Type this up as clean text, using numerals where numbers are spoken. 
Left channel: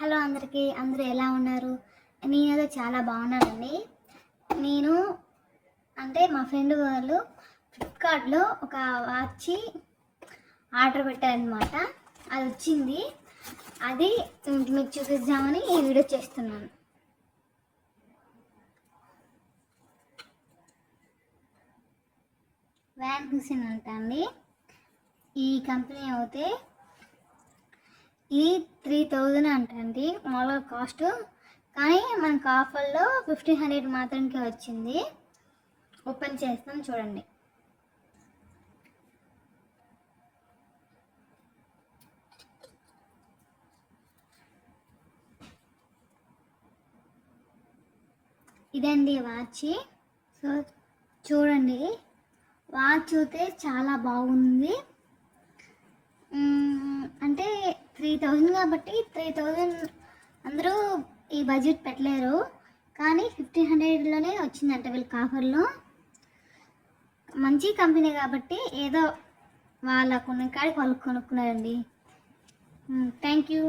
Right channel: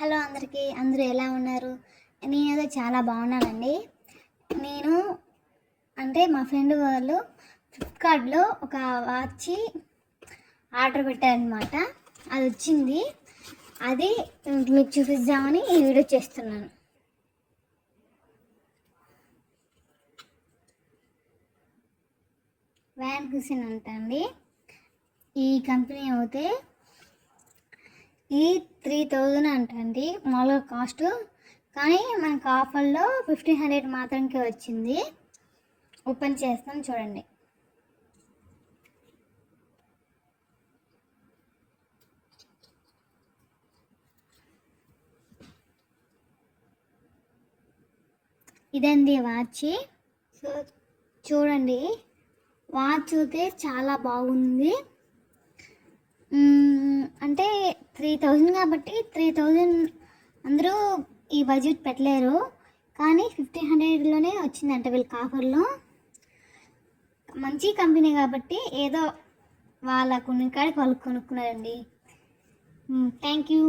Hello అందరికీ, అందరూ ఎలా ఉన్నారు? నేనైతే చాలా బాగున్నానండి. నేను మా ఫ్రెండ్ వాళ్ళు ఫ్లిప్కార్ట్లో ఒక వాచ్ ఆర్డర్ పెట్టారనమాట. అది వచ్చింది. అది మీకు చూపిద్దామని ఈ వీడియో చేస్తున్నాను. వ్యాన్ హుసేన్ అంటండి ఈ కంపెనీ. అయితే ఈ 3000 అంటండి మామూలుగా కాస్ట్, కానీ మనకు ఆఫర్లో 1500 మాత్రంకే వచ్చింది. ఓపెన్ చేస్తాం చూడండి. ఇదండి వాచ్. సో చూడండి, వాచ్ అయితే చాలా బాగుంది. అంటే 3000 కాబట్టి 3000 అందరూ ఈ బడ్జెట్ పెట్టలేరు, కానీ 1500లోనే వచ్చిందంట వీళ్ళకి ఆఫర్లో. మంచి కంపెనీ కాబట్టి ఏదో వాళ్ళ కొనుక్కాడికి వాళ్ళు కొనుక్కున్నారండి. Thank you.